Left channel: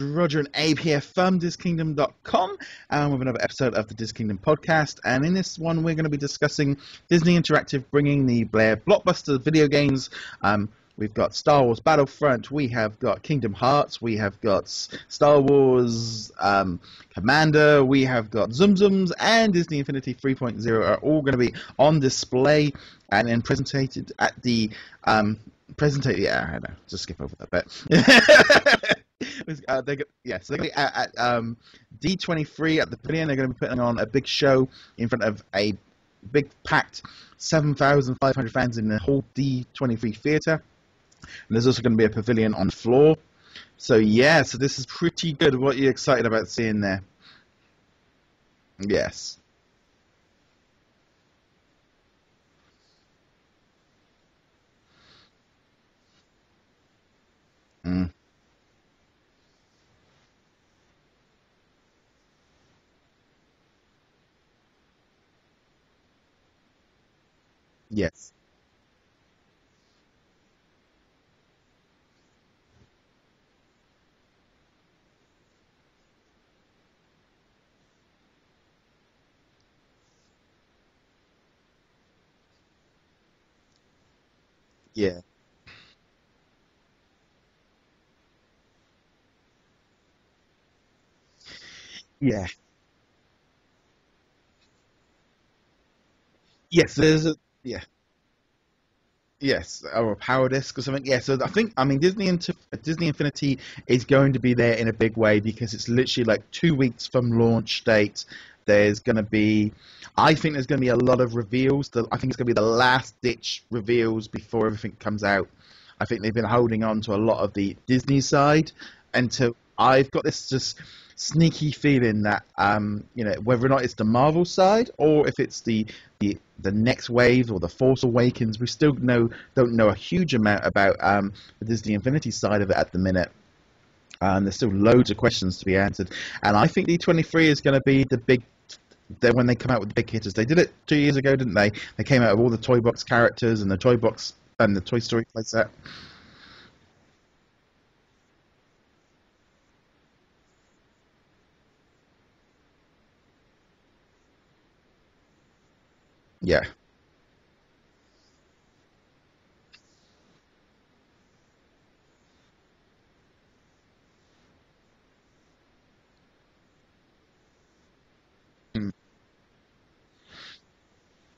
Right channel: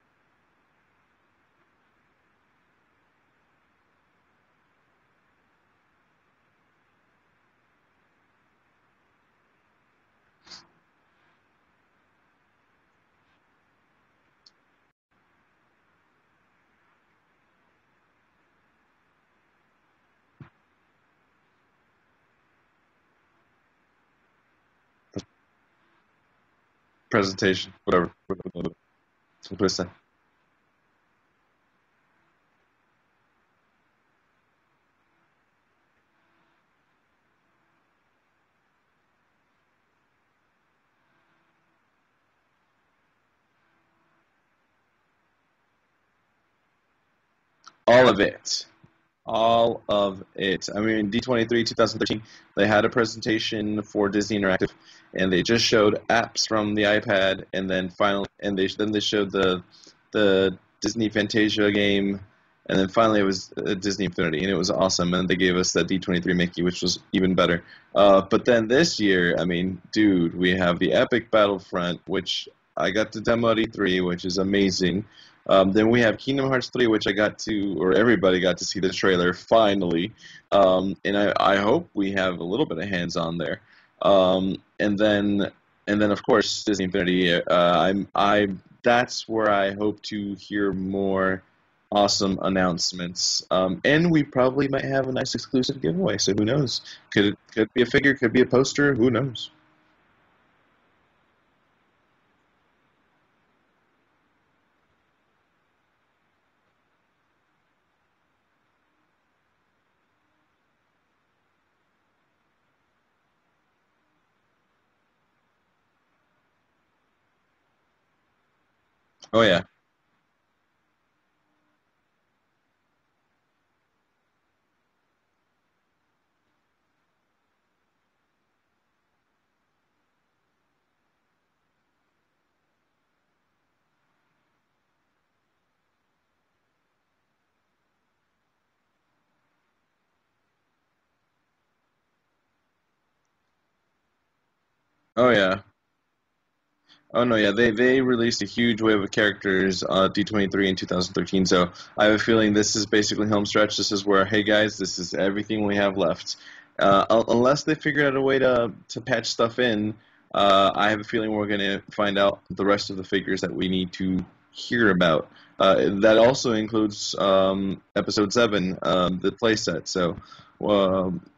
Roger and Abe here from DisKingdom.com, and with another episode of the Dis Kingdom podcast. And in this one, we're going to be discussing Disney Interactive bringing the Blair blockbuster video games. We've got Star Wars Battlefront, we have got Kingdom Hearts, we have got Star Wars Commander, we have got Tsum Tsums, and Disney Infinity 3.0 are all going to be on display and then presented at the presentation. So they're going to be at D23 at the Pavilion. They're going to be putting on a big show in front of a big packed 7,500 fans in the whole D23 theatre. And there's also going to be a pavilion on the floor. So yeah, so this is pretty good. What are you excited about seeing there? All of it. Yes. All of it. I mean, D23 2013, they had a presentation for Disney Interactive, and they just showed apps from the iPad, and then then they showed the Disney Fantasia game, and then finally it was Disney Infinity, and it was awesome. And they gave us that D23 Mickey, which was even better. Yes. But then this year, I mean, dude, we have the Epic Battlefront, which I got to demo at E3, which is amazing. Then we have Kingdom Hearts 3, which everybody got to see the trailer finally, and I hope we have a little bit of hands-on there. And then of course Disney Infinity. That's where I hope to hear more awesome announcements. And we probably might have a nice exclusive giveaway. So who knows? Yes, could be a figure, could be a poster. Who knows? Yes, or a power disc or something. Yeah, so I mean, Disney Infinity is going to be there in a big way because it's literally like 2 weeks from launch date. There's going to be, I think there's going to be a lot of reveals. I think it's going to be the last-ditch reveals before everything comes out. I think they've been holding on to a lot of the Disney side. And so I've got this just sneaky feeling that, whether or not it's the Marvel side or if it's the next wave or the Force Awakens, we still don't know a huge amount about the Disney Infinity side of it at the minute. And there's still loads of questions to be answered. And I think D23 is going to be the big, when they come out with the big hitters. They did it 2 years ago, didn't they? They came out with all the Toy Box characters and the Toy Box and the Toy Story set. Oh no, yeah, they released a huge wave of characters D23 in 2013. So I have a feeling this is basically home stretch. This is where, hey guys, this is everything we have left. Yeah. Unless they figure out a way to patch stuff in. I have a feeling we're going to find out the rest of the figures that we need to hear about. That also includes Episode 7, the playset. So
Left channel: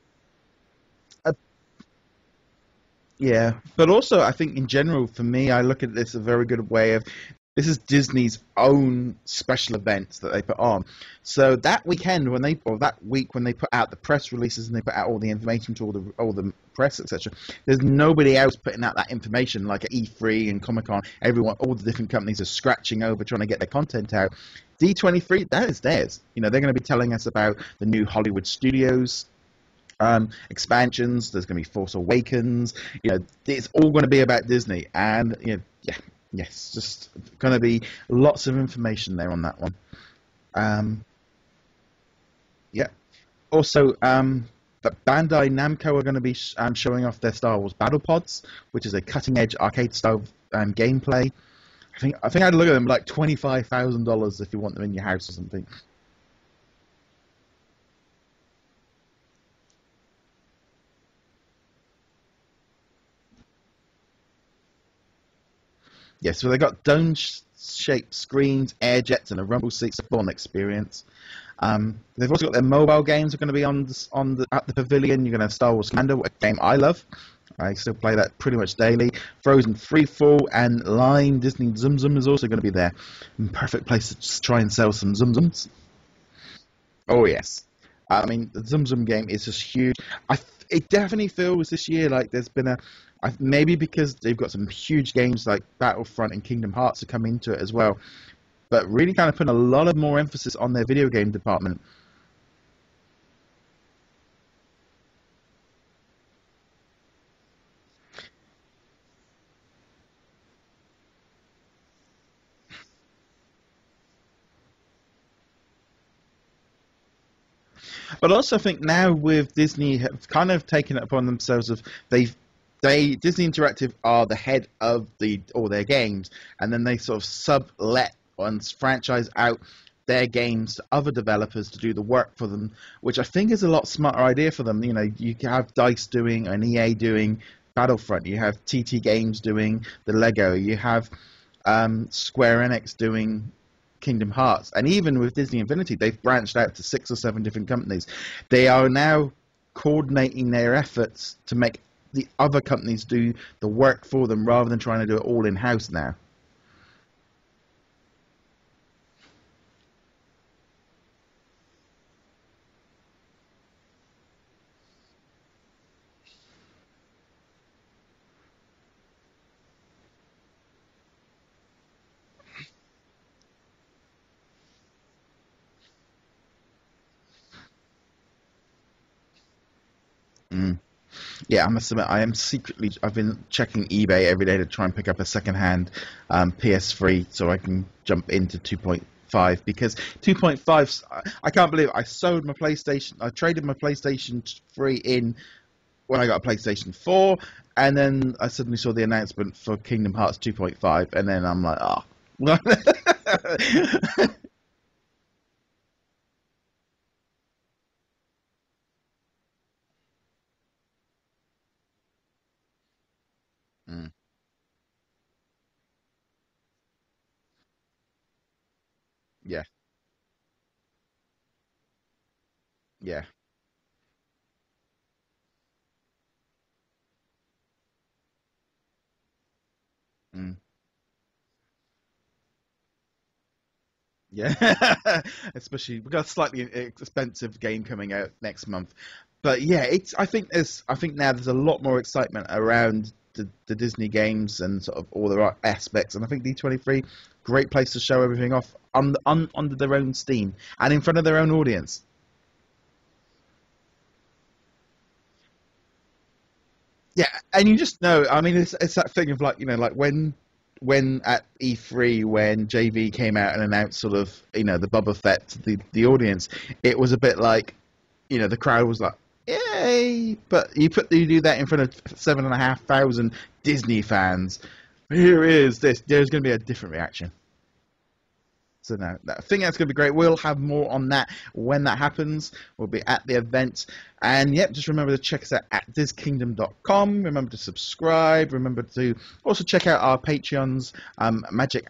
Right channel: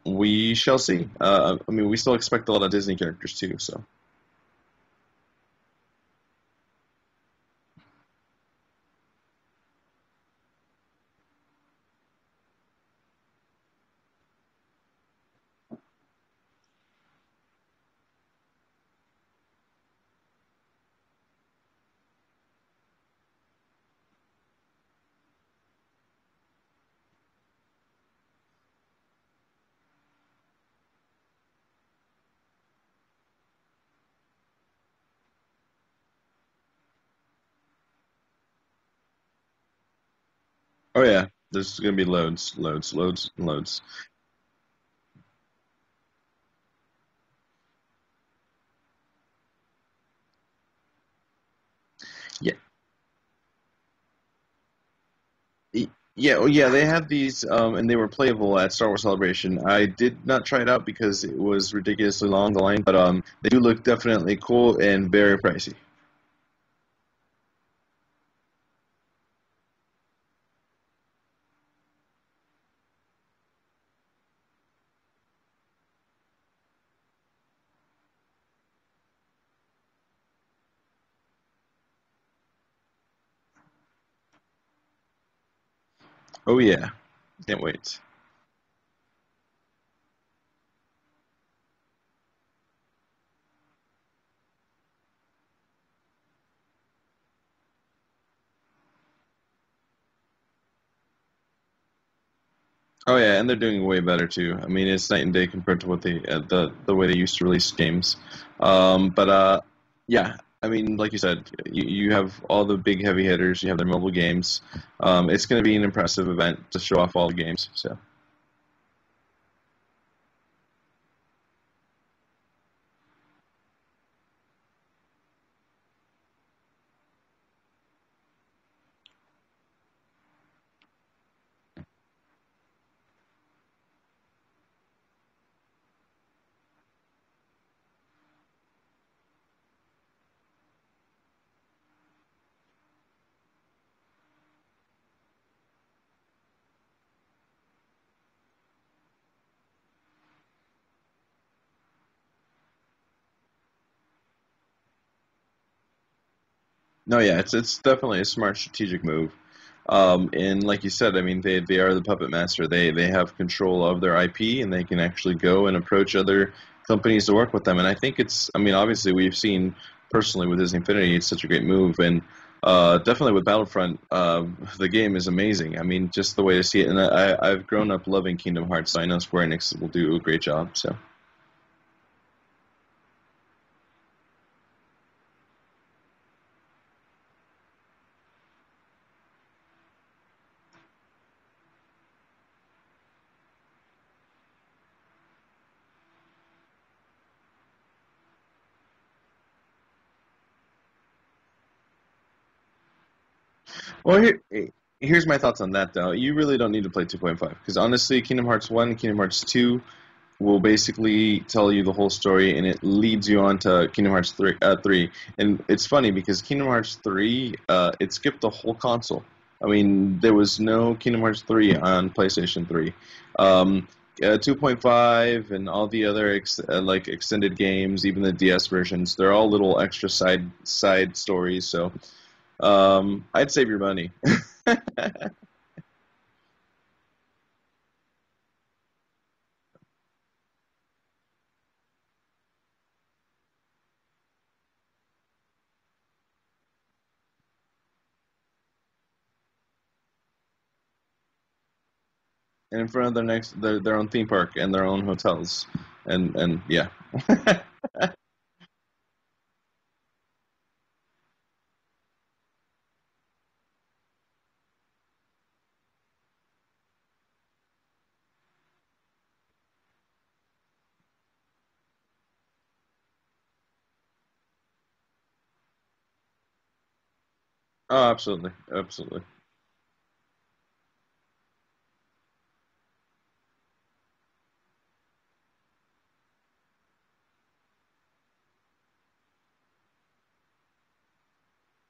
we shall see. I mean, we still expect a lot of Disney characters too. So. But also, I think in general, for me, I look at this a very good way of, this is Disney's own special events that they put on. So that weekend that week when they put out the press releases and they put out all the information to all the press, etc., there's nobody else putting out that information like at E3 and Comic-Con. All the different companies are scratching over trying to get their content out. D23, that is theirs. They're going to be telling us about the new Hollywood Studios expansions. There's going to be Force Awakens. It's all going to be about Disney, and yes, just going to be lots of information there on that one. There's going to be loads. Also, but Bandai Namco are going to be showing off their Star Wars Battle Pods, which is a cutting-edge arcade-style gameplay. I think I'd look at them like $25,000 if you want them in your house or something. Yeah, they have these, and they were playable at Star Wars Celebration. I did not try it out because it was ridiculously long, the line, but they do look definitely cool and very pricey. Yeah, so they got dome-shaped screens, air jets, and a rumble seats, a fun experience. They've also got their mobile games are going to be at the Pavilion. You're going to have Star Wars Commander, a game I love. I still play that pretty much daily. Frozen Freefall and Line Disney Tsum Tsum is also going to be there. Perfect place to just try and sell some Tsum Tsums. Oh yeah. Oh yes. Can't wait. I mean, the Tsum Tsum game is just huge. It definitely feels this year like there's been maybe because they've got some huge games like Battlefront and Kingdom Hearts to come into it as well, but really kind of putting a lot of more emphasis on their video game department. Oh yeah, and they're doing way better too. I mean, it's night and day compared to what the way they used to release games. Yeah, I mean, like you said, you have all the big heavy hitters. You have their mobile games. It's going to be an impressive event to show off all the games. So. But also, I think now with Disney have kind of taken it upon themselves of Disney Interactive are the head of all their games, and then they sort of sublet and franchise out their games to other developers to do the work for them, which I think is a lot smarter idea for them. You know, you have DICE doing and EA doing Battlefront, you have TT Games doing the Lego, you have Square Enix doing Kingdom Hearts, and even with Disney Infinity, they've branched out to 6 or 7 different companies. They are now coordinating their efforts to make the other companies do the work for them rather than trying to do it all in-house now. No, yeah, it's definitely a smart strategic move. And like you said, I mean, they are the puppet master. They have control of their IP, and they can actually go and approach other companies to work with them. And I think I mean, obviously we've seen personally with Disney Infinity, it's such a great move. And definitely with Battlefront, the game is amazing. I mean, just the way to see it. And I've grown up loving Kingdom Hearts, so I know Square Enix will do a great job. So yeah, I must admit, I've been checking eBay every day to try and pick up a second-hand PS3 so I can jump into 2.5, because 2.5, I can't believe it. I traded my PlayStation 3 in when I got a PlayStation 4, and then I suddenly saw the announcement for Kingdom Hearts 2.5, and then I'm like, oh. Well, here's my thoughts on that, though. You really don't need to play 2.5, because honestly, Kingdom Hearts 1 and Kingdom Hearts 2 will basically tell you the whole story, and it leads you on to Kingdom Hearts 3. And it's funny, because Kingdom Hearts 3, it skipped the whole console. Yeah. I mean, there was no Kingdom Hearts 3 on PlayStation 3. Yeah. 2.5 and all the other like extended games, even the DS versions, they're all little extra side stories. So I'd save your money. Yeah. Especially we've got a slightly expensive game coming out next month. But yeah, I think now there's a lot more excitement around the Disney games and sort of all the aspects. And I think D23, great place to show everything off under their own steam and in front of their own audience. And in front of their own theme park and their own hotels, and yeah. Yeah, and you just know. I mean, it's that thing of like, you know, like when at E3 when JV came out and announced sort of, you know, the Boba Fett to the audience, it was a bit like, you know, the crowd was like, yay! But you do that in front of 7,500 Disney fans. Here is this. There's going to be a different reaction. Oh, absolutely. So no, I think that's going to be great. We'll have more on that when that happens. We'll be at the event. And, yep, just remember to check us out at DizKingdom.com. Remember to subscribe. Remember to also check out our Patreons, Magic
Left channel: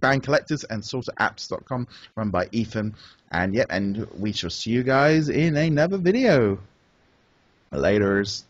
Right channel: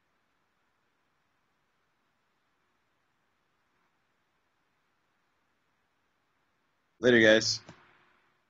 Band Collectors and SorterApps.com, run by Ethan. And, yep, and we shall see you guys in another video. Later, guys. Laters.